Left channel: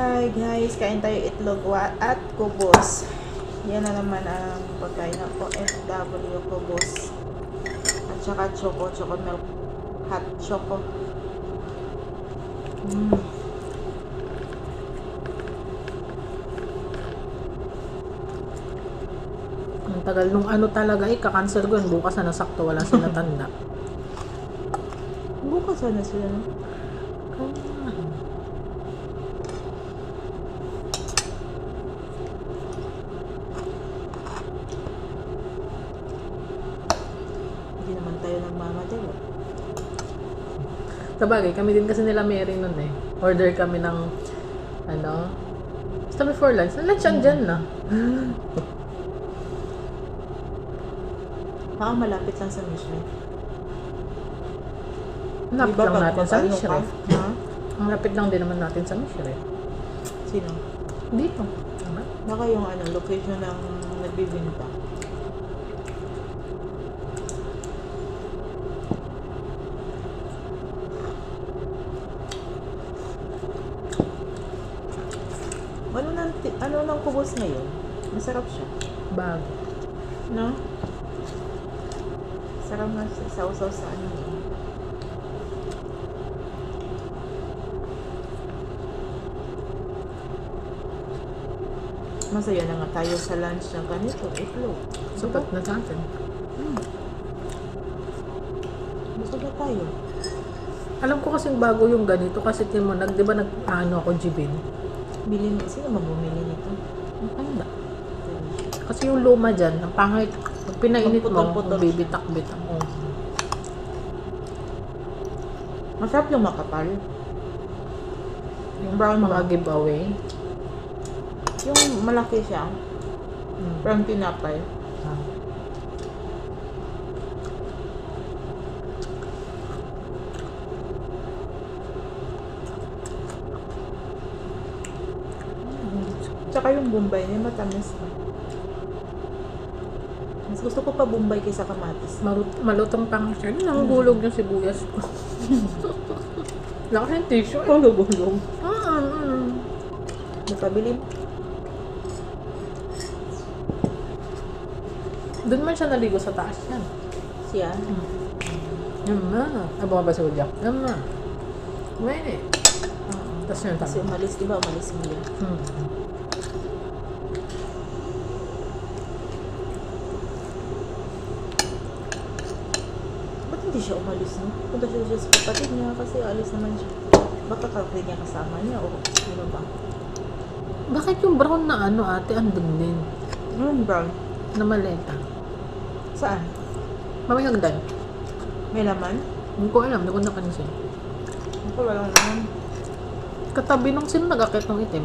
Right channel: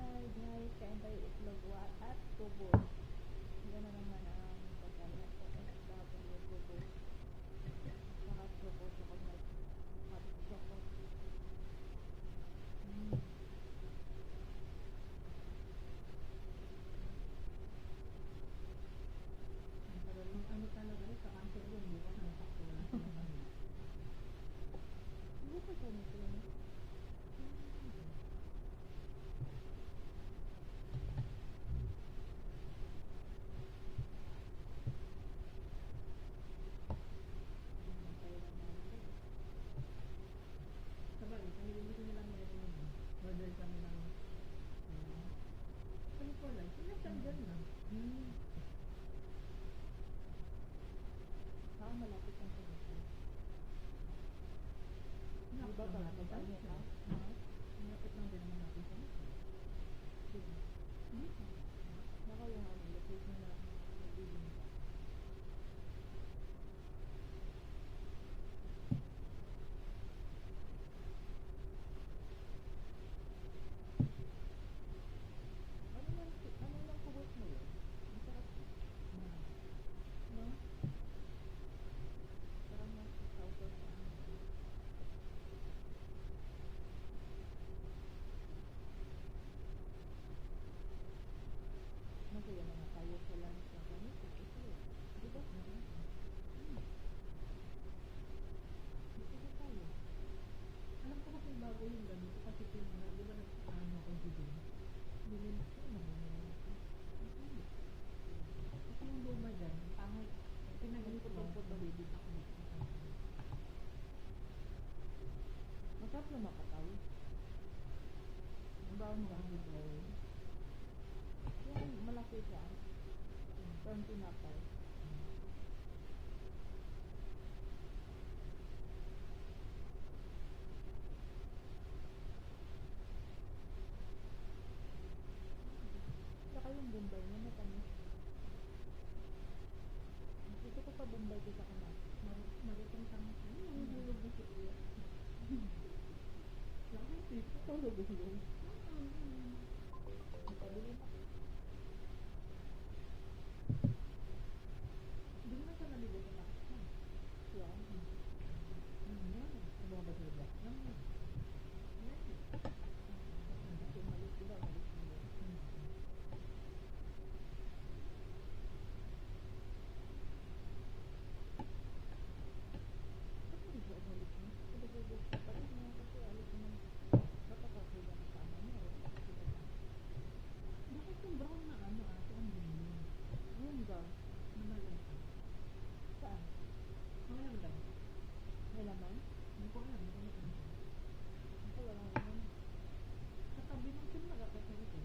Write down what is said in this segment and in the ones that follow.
Hi guys, kain tayo itlog at kubos. Yan na naman ang pagkain ng OFW, kubos. At saka choco milk, hot choco. Ang tagal nung ano talaga kakancel ko yun. Bukas na nasakto, wala sila tanda. Bukas na sila, no? Hindi naman tayo nagmamadali. Sabagay, kami din kasi nila Mary nun eh. Order kami ng basta before lunch. Lunch andyan na. Baka malapit lang sa mission. Lapit Diba lang pag natin sa mag-ano Mishre. ka? Ha? Ang lapit lang din naman natin sa Mishre. Sino? Dito. Tama? Baka yung location ng nagbibinta. Ano nang kubos ngayon? Masarap siya. Bago. No? Sarap nga siya. Sausaw sa ano. Masaya na nga tayo sa lunch ng ganito. Itlog. Sapat na sa atin. Busog na tayo. Alam ko kasing bago yung ganito kasi mo di ba ako Jibin? Bilhin, sino mabumili nito? Ang handa. Kasi yung luma dyan, ang pangit. Pag pinainit mo, Putol-putol siya. bibitak-bitak mo. Masarap yung makapal. Yung brown Mga ba? giveaway. Yung malaki siya. Brown tinapay. Tsaka yung Bombay niya matamis na. Mas gusto ko pa Bombay kaysa kamatis. Malutong pang siya. Nanggulog yung sibuyas ko. Laki yung tissue. Gulong. Napabili. Doon man siya naligo sa taas yan. Siya. Yan na. Bumaba sa udyak. Yan na. Wait. Tapos yun Kasi tama. umalis, di ba? Umalis mo yan. Ba't hindi siya umalis, no? Punta siya sa kapatid niya kasi alis naman siya. Baka kapatid niya kasama niya o sino ba? Bakit yung brown na ate andun din? Brown. Na maleta. Saan? Mamay hagdan. May laman? Hindi ko alam. Hindi ko napansin. Ako walang laman. Katabi nung sino nag-akit ng itim?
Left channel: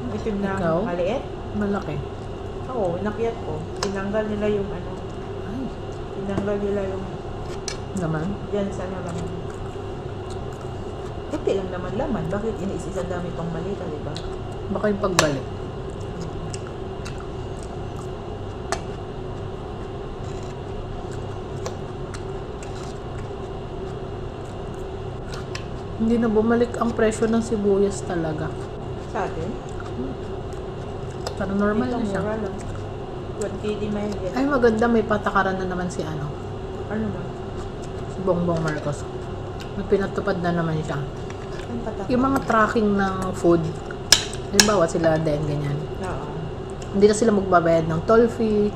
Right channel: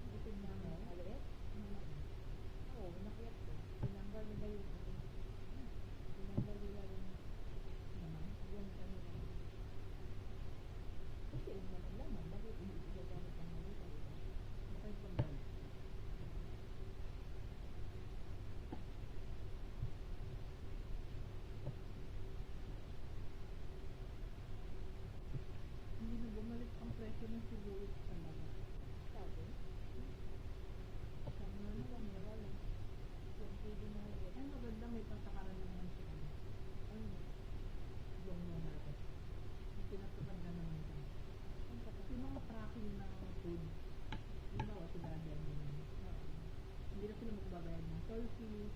Yung itim na Ikaw? maliit? Malaki. Oo, inakyat ko. Tinanggal nila yung Ay. tinanggal nila yung Naman. dyan sa laman. Kunti lang naman laman. Bakit iniisisang dami pang malita, di ba? Baka yung pagbalik. Hindi na bumalik ang presyo ng sibuyas talaga. Sa atin? Parang normal Dito, na siya. mura lang. 20 di may yan. Ay maganda, may patakaran na naman si Ano ba? si Bongbong Marcos. May pinatupad na naman siya. Ang patak. Yung mga tracking ng food, halimbawa sila din, ganyan. Oo. Hindi na sila magbabayad ng toll fee,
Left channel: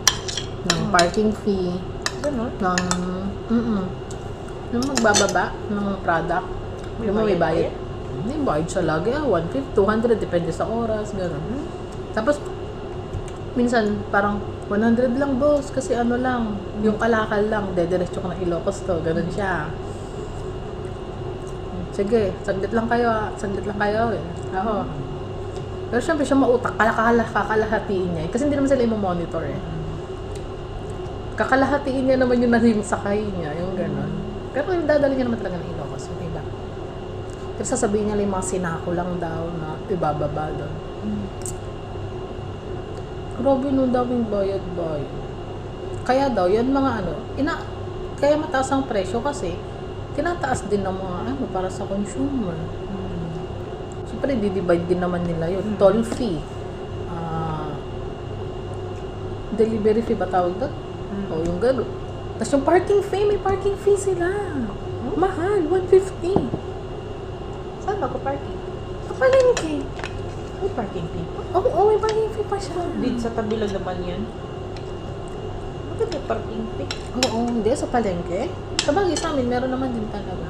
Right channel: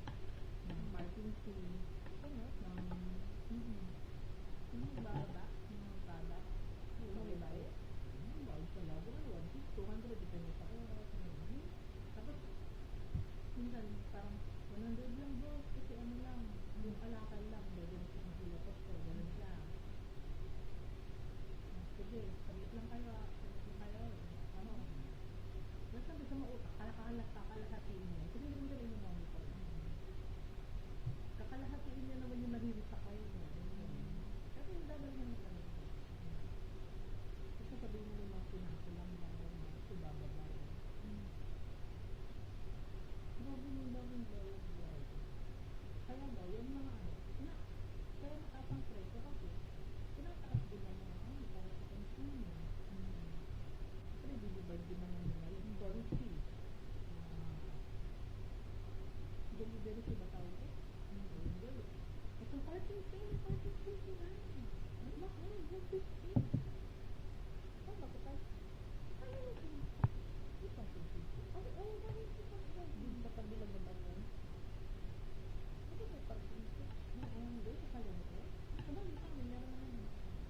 ng parking fee, Ganun? ng yung magbababa ng product. Yung may bayad. Hindi, bayad siya lagi. 150, 200, depende sa oras, gano'n. Tapos, minsan, parang 100 lang, boss, kasi lang, yung kalakal lang, dediretso ka ng Ilocos to, gano'n siya. Sige, saglit lang kayo. Ako. Pero syempre, siya mautak, kakalahatiin niya. Kasi hindi naman sila i-monitor eh. Kakalahatiin niya naman yung naging sakay niya, yung gano'n. Pero yung dadali niya naman talaga ng Ilocos, yung iba. Pero sasabihin niya lang yung mga sinako lang daw na ibababa doon. Grabe nung daming bayad-bayad. Kaya daw, yan mga kaya mataas ang presyo kasi tinataas din ng mga para sa consumer. Siyempre, di-divide din naman nila yun. Toll fee. Delivery fee ba tawag doon? O yung gano'n. Tapos yung parking fee, may parking fee sila. Mahal, 150. Saan ba ko parking? Kapalengke. May parking fee. Oo, may parking fee pa siya. Dito sa tabi lang naman yun. Bakit may parking fee? Oo, hindi. Sa palengke. Sabagay sa amin, meron naman din talaga.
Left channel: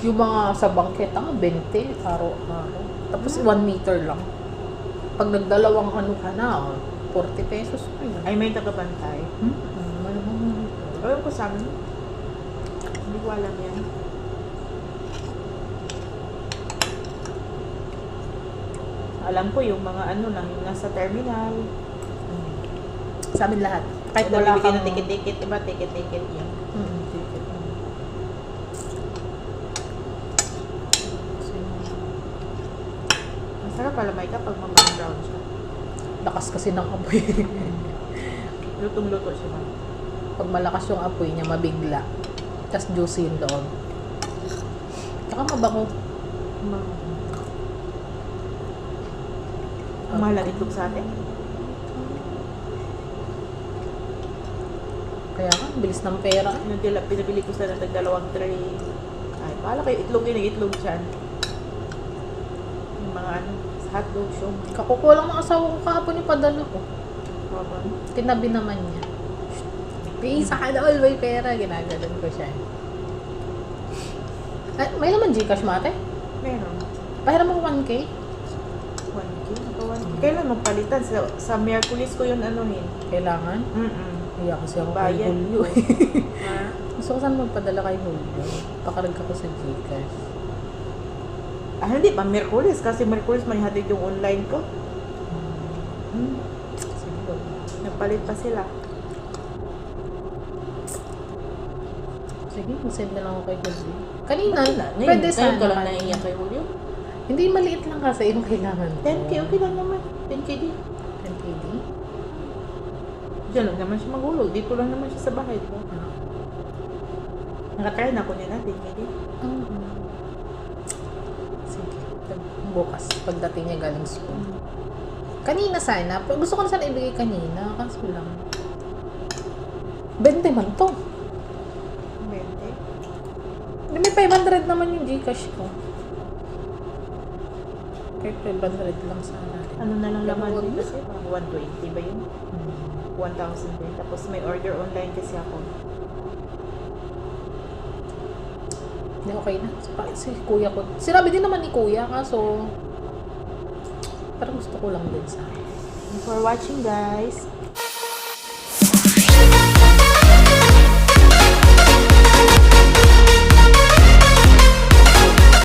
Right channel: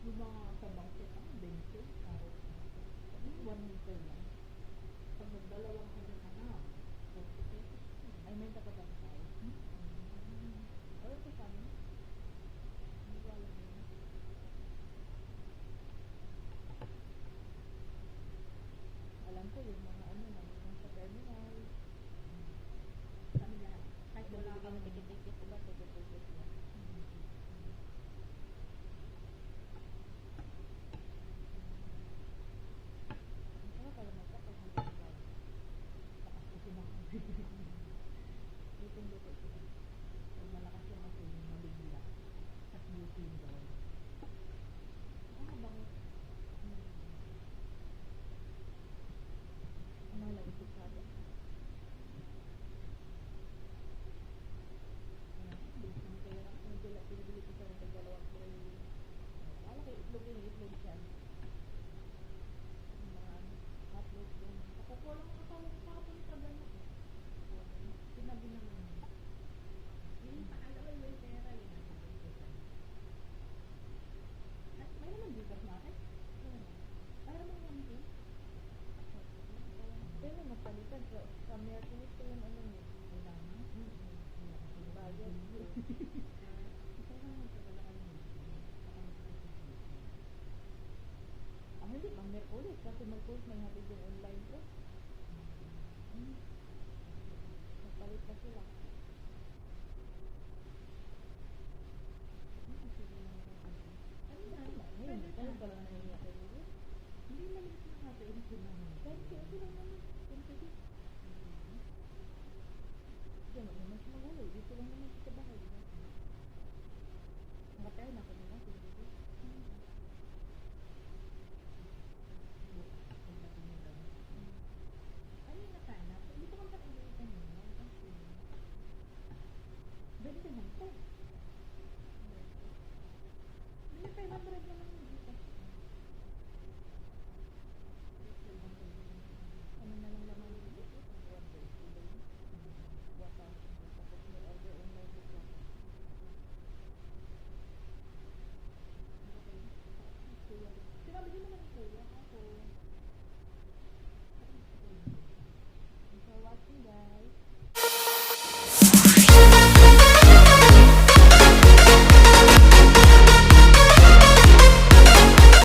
Yung mga sa bangketa, 20 araw-araw. Tapos 1 meter lang. Pag nagdalawang ano ka na, 40 pesos pa yun. Ay, may tagabantay. Malamang Alam ko sa amin. Hindi ko alam yan. Alam ko yung mga ano lang, yung nasa terminal. sa amin lahat. Kahit Kahit wala wala kang... ng ticket-ticket, iba ticket-ticket yun. Ticket. Ang sarap pala may kapag mamang brown siya. Lakas kasi ng apoy. Lutong-luto siya ba? Pag malakas yung apoy niya, mabigla. Tapos juicy yung loob. Tsaka mabango. Ang mahal ang itlog sa atin. Kaya nga, bilis ng pera. Pinabili ko sa ng dalawang tray. Ay, paala kayo itlog yun, yung itlog siya. Yung mga ano, sa hotdog, siya. Kakukuha lang ng asawa ko kahapon yung padala ko. Baba. Tinabi naman niya. May isa ka na all may pera. Ginagalan ko siya. Ay, may naman Gcash mate? Meron. Pahiram mo 1K? 1K? Kailan magpalitan? Sa Miyerkules ko yun anuhin. Kailangan? Iya kasi ako kay Bayad. Julio. Ha? Gusto ko saan magpadala kay Julio. Pakarag ako sa Gcash. Ah, hindi pa Miyerkules. Kasi Miyerkules may hatid yung online ko. Sige. Nagpalit pa sila. Sige, mag-send na lang ako kay Julio. Kanina, Ngayon, pwede ngayon sana. ka lang naiiyak kay Julio. Hindi, maliit lang kasi yung kailangan ko. 10K, okay lang naman. 10K din. 10KD? Diyan lang naman siya maghulog. Dito lang naman siya sa bahay, di ba? Nakatry na ako niya na, 10K din. Sige. Bukas, pagdating niya galing school. Kanina sana. Gusto ko na sana ibigay kanina. Kaso lang. 20 man to. 20. May 500 naman yung Gcash ko. Kahit 500 lang sana. Ano na lang laman Huwag din na. kasi? 120 ba yun? 1,000 din. Tapos may order online kasi ako. Hindi, okay na. Si kuya ko. Sinabi din naman ni kuya, kaso parang gusto ko lang din sa Thanks for watching, guys.